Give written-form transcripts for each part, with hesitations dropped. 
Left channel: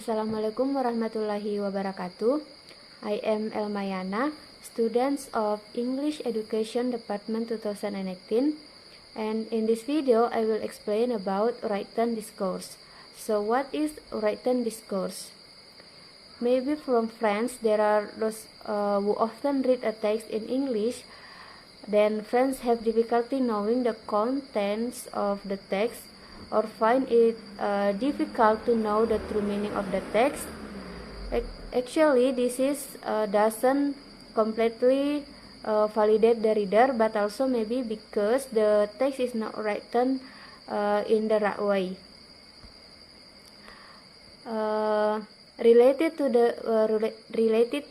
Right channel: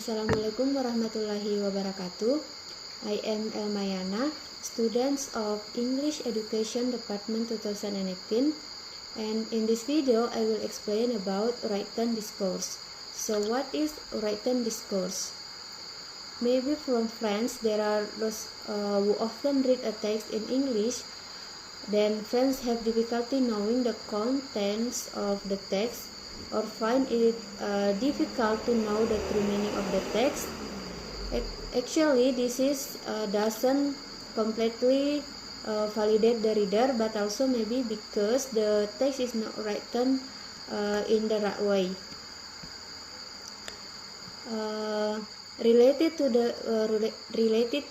Assalamualaikum warahmatullahi wabarakatuh. I am Elmayana, student of English Education Department 2018, and in this video I will explain about written discourse. So what is written discourse? Maybe from friends there are those who often read a text in English, then friends have difficulty knowing the contents of the text or find it difficult to know the true meaning of the text. Actually, this is doesn't completely validate the reader, but also maybe because the text is not written in the right way. Related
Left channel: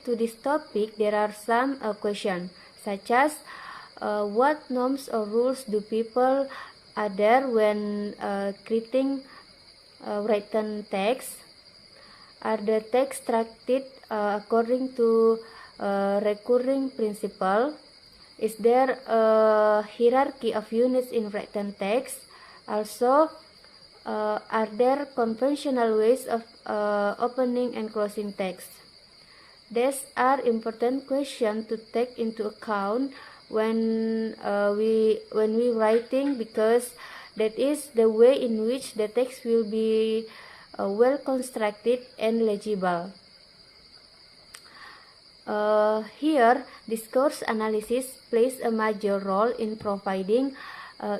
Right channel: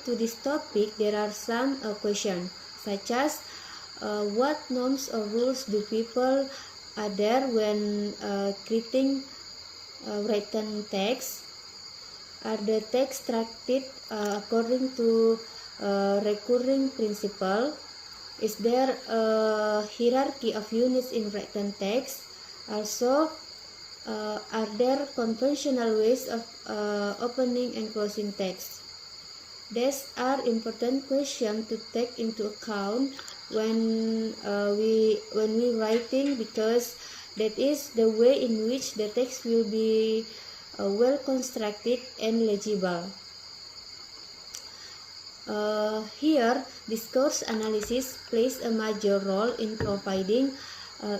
to this topic, there are some questions such as what norms or rules do people adhere when creating written text? Are the text treated according to recurring principle? Is there a hierarchy of units in written text? Also, are there conventional ways of opening and closing text? These are important questions to take into account when we writing, because that is the way in which the text will be well constructed and legible. Here, discourse analysis plays a major role in providing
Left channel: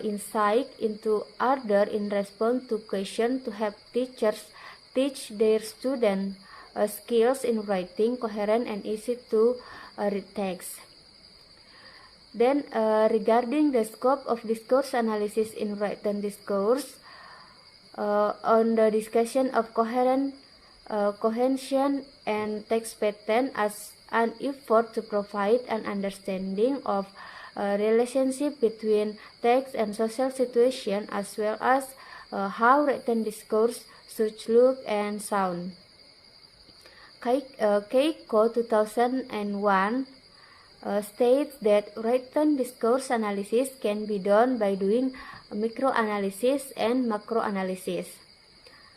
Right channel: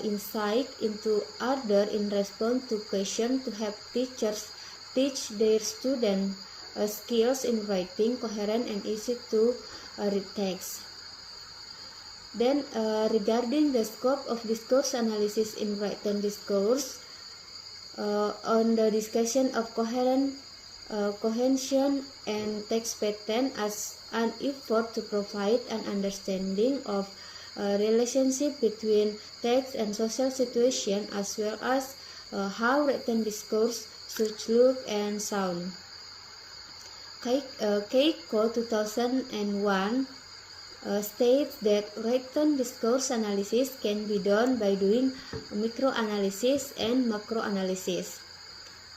insight into order in response to questions to help teachers teach their students skills in writing coherent and easy to read text. Then, regarding the scope of discourse analysis in written discourse, on the discussion of cohesion and text pattern as an effort to provide an understanding of relationship between text and social situation, as well as how written discourse should look and sound. Keiko 2001 states that written discourse analysis can be done by doing microanalysis and macroanalysis.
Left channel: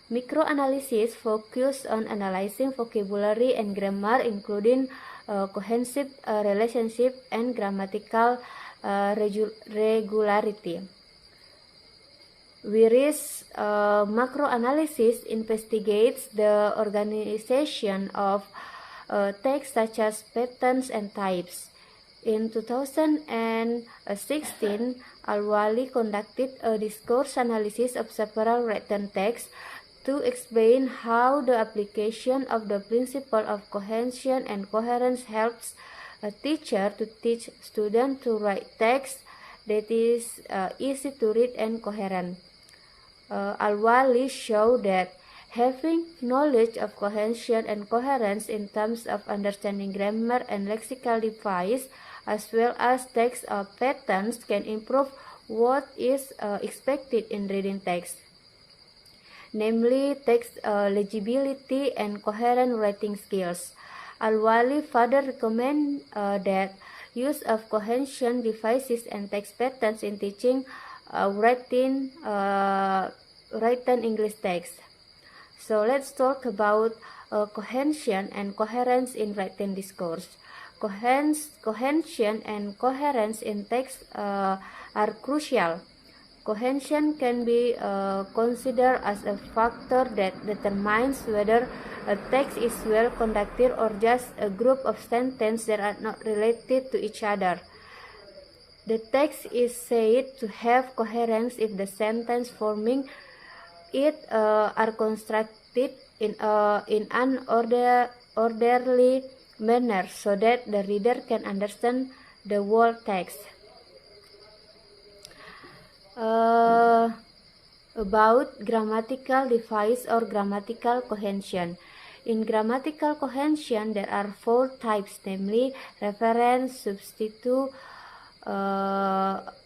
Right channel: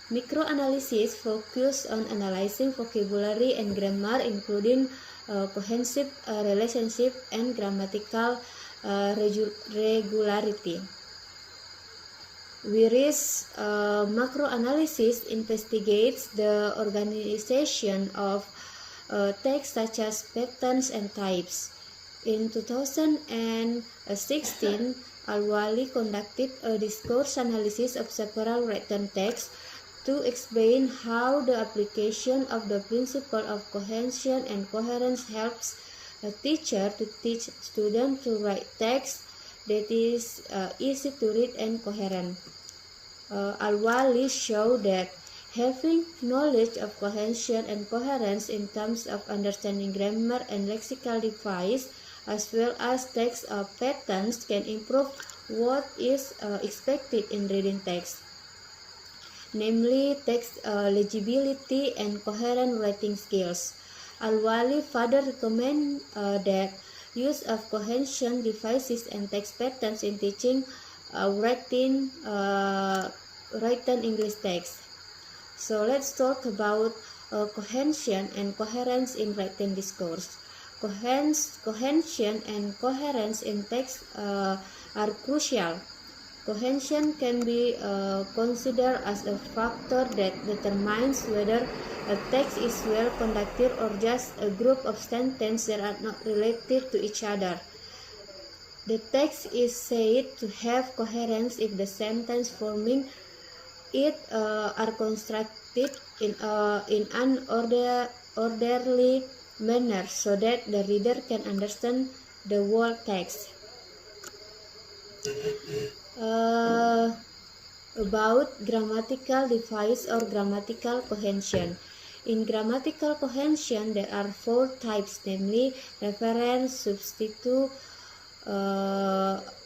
Microanalysis focus on analyzing vocabulary and grammar, including cohesive relationship and grammatical regularity. Whereas macroanalysis investigates the organization of text such as patterns and types. In 2016, Al-Wali conducted a discourse analysis of several written texts to explain how the application of the principle of cohesion and coherence helps a teacher to teach students to write text that is easy to read and coherent. Al-Wali showed that having knowledge of cohesion and coherence in terms of understanding grammar and lexical device, as well as text patterns, can improve what is expected in reading text, namely text legibility and coherent writing skills. Al-Wali further recommend that use of cohesion devices and text patterns in teaching written English text. So let's talk about cohesion and coherence in written discourse. Cohesion and coherence in text are crucial. Cohesion can be considered as a factor that determines whether a text is well conducted or just a group of sentences that are not related to each other. The text is said to have coherence if the sentence forming it are constructed in an orderly manner, so that the reader can understand the whole text. About grammatical device or grammatical cohesion. In grammatical cohesion, there are 4 types, namely reference, substitute,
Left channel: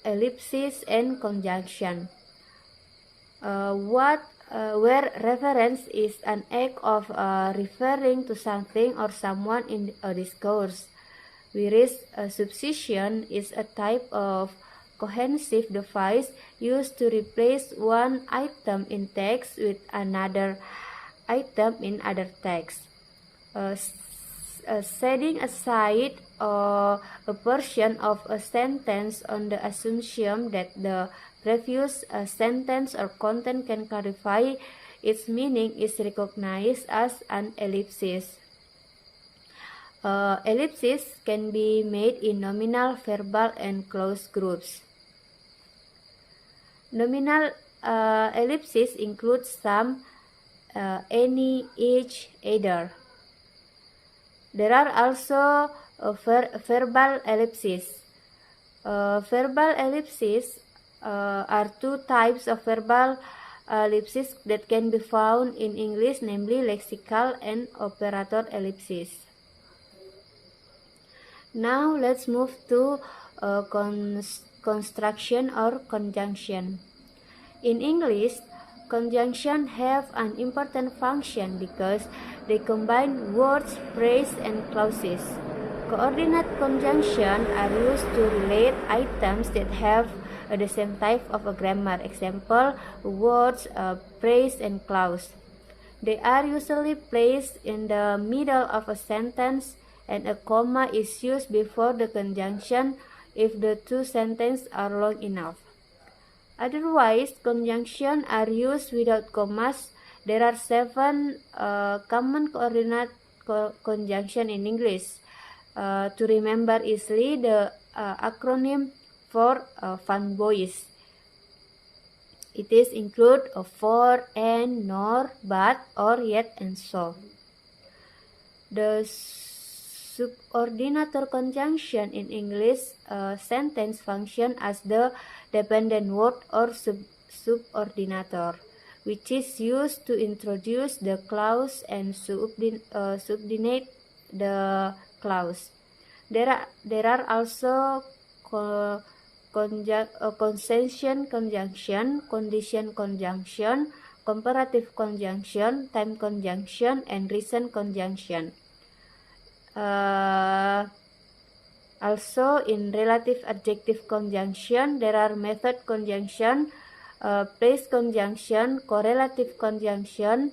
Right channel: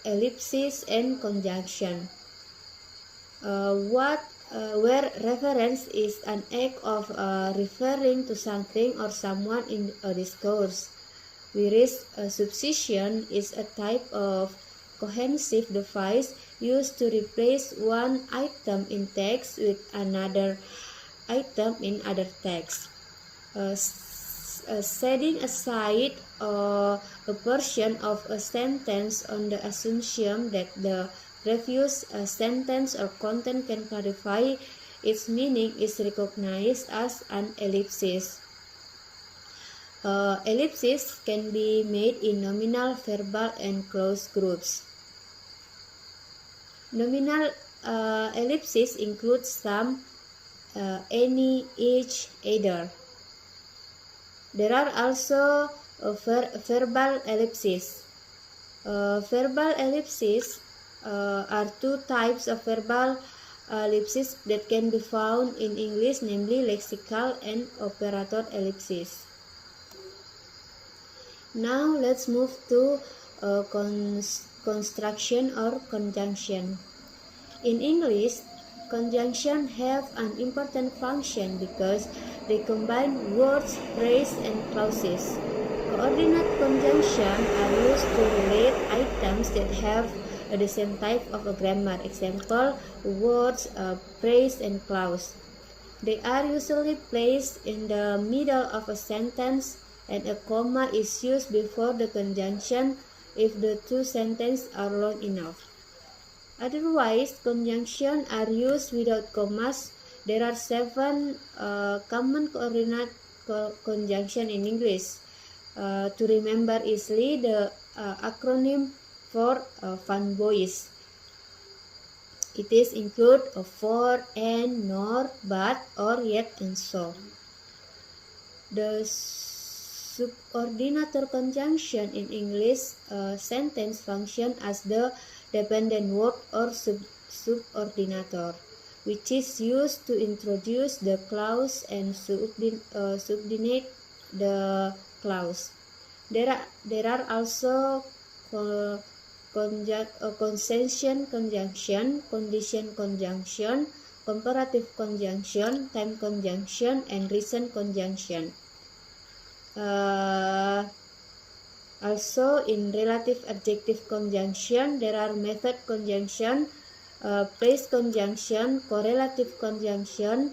ellipsis, and conjunction. Where reference is an act of referring to something or someone in a discourse, whereas substitution is a type of cohesive device used to replace one item in text with another. item in other text. Setting aside a portion of a sentence on the assumption that the previous sentence or content can clarify its meaning is recognized as an ellipsis. Ellipses can be made in nominal, verbal, and clause groups. Nominal ellipses include some, any, each, either. There are also verbal ellipses. Verbal ellipses are two types of verbal ellipses that can be found in English, namely lexical and operator ellipses. Now let's move to construction or conjunction. In English, conjunction have an important function because they combine words, phrase, and clauses. Coordinate conjunction are used to relate items that have the same type of a grammar. Example, words, phrase, and clause. They are usually placed in the middle of a sentence, and a comma is used before the conjunction if the two sentences are long enough. Otherwise, conjunctions are used without commas. There are 7 common coordinate conjunction in English. To remember easily, the acronym for fanboys. It is include for, and, nor, but, or, yet, and so. The subordinator conjunction in English sentence function as the dependent word or subordinator, which is used to introduce the clause and subordinate the clause. There are also consentient conjunction, condition conjunction, comparative conjunction, time conjunction, and reason conjunction. Also, in relative adjective conjunction, there are method conjunction, place conjunction, correlative conjunction.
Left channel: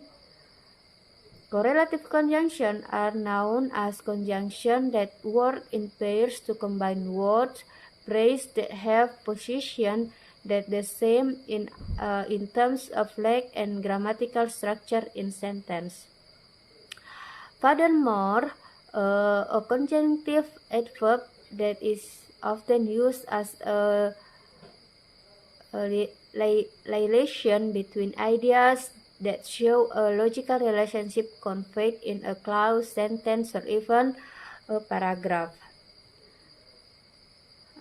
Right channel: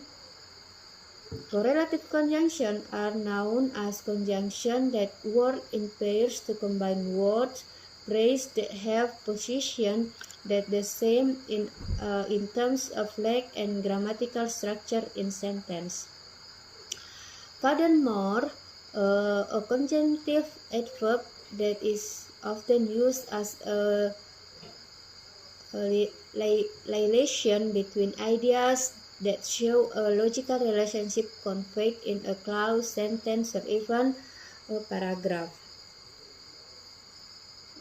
Correlative conjunction are known as conjunction that work in pairs to combine words, phrase that have position that the same in terms of length and grammatical structure in sentence. Furthermore, a conjunctive adverb that is often used as a relation between ideas that show a logical relationship conveyed in a clause, sentence, or even a paragraph.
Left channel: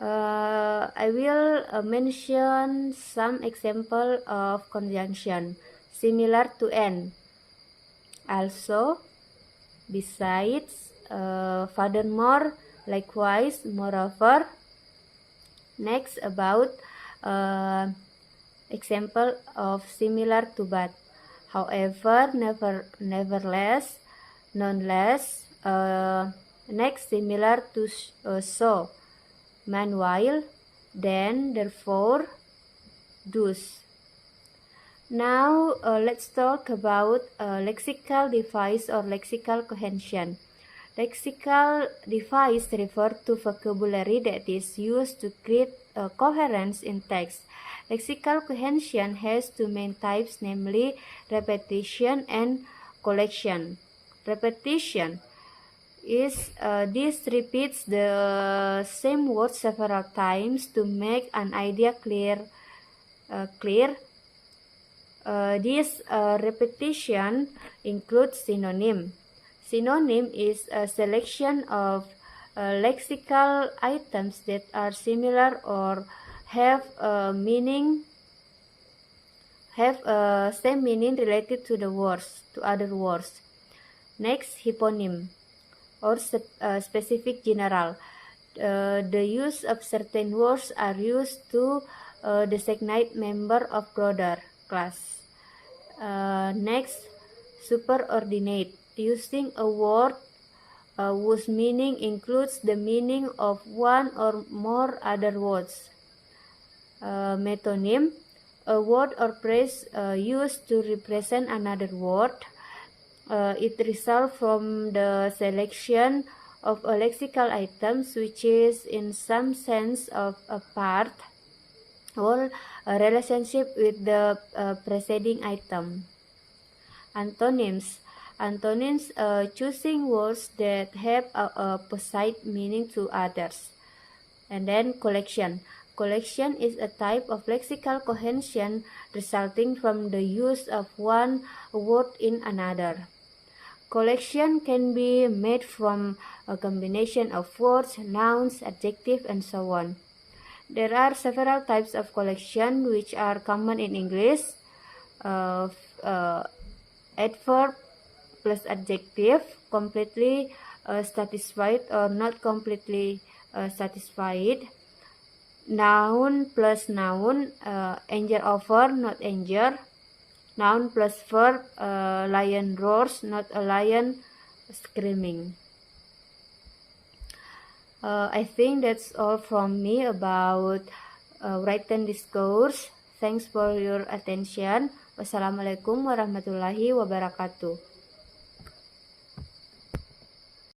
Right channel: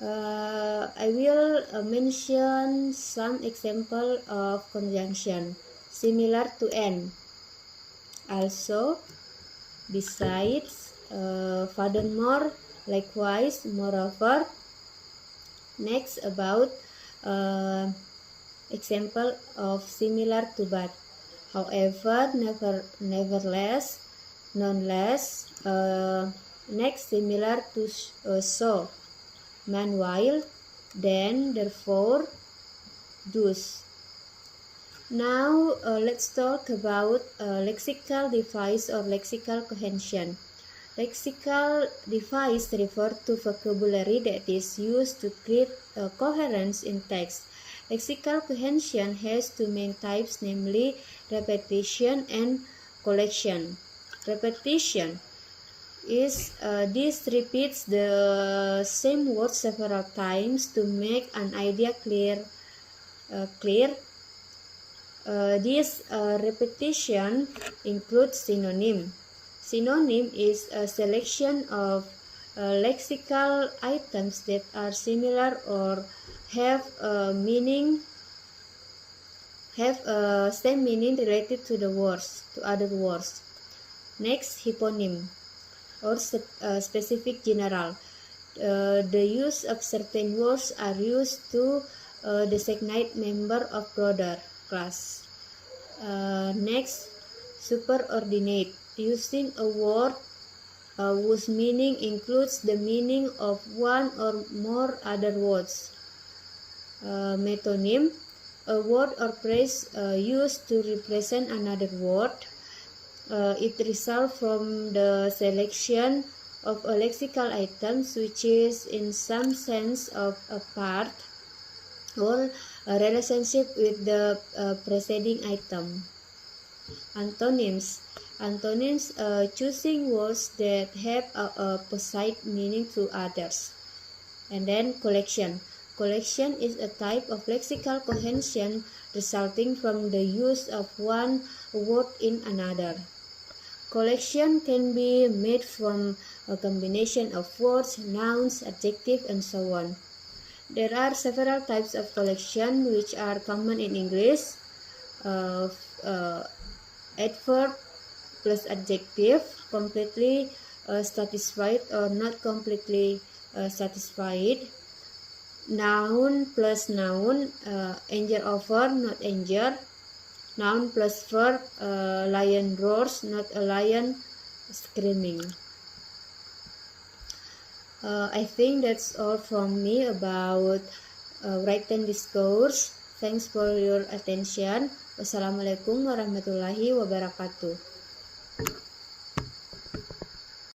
I will mention some example of conjunction similar to and, also, besides, furthermore, likewise, moreover. Next, about example of similar to but, however, nevertheless, nonetheless. Next, similar to so, meanwhile, then, therefore, thus. Now let's talk about lexical device or lexical cohesion. Lexical device refer to vocabulary that is used to create coherence in text. Lexical cohesion has two main types, namely repetition and collection. Repetition is this repeats the same word several times to make an idea clear. This repetition includes synonym. Synonym is a selection of lexical items that are similar or have a same meaning related to the words, to other words. Next, hyponym or specific general. The use of certain words are used to designate member of broader class. Next, superordinate, using a word whose meaning includes the meaning of one or more other words. Metonym, a word or phrase used to represent another word. It results from the selection of a lexical items which is in some sense of a part or a relationship with the preceding item. Antonyms. Antonyms, choosing words that have a opposite meaning to others. And then collection. Collection is a type of lexical cohesion resulting from the use of one word in another. Collection can be made from a combination of words, nouns, adjectives, and so on. There are several types of collection which are common in English. Adverb plus adjective, completely satisfied or not completely satisfied. Noun plus noun, anger over, not anger. Noun plus verb, lion roars, not a lion screaming. I think that's all from me about written discourse. Thanks for your attention. Wassalamualaikum warahmatullahi wabarakatuh.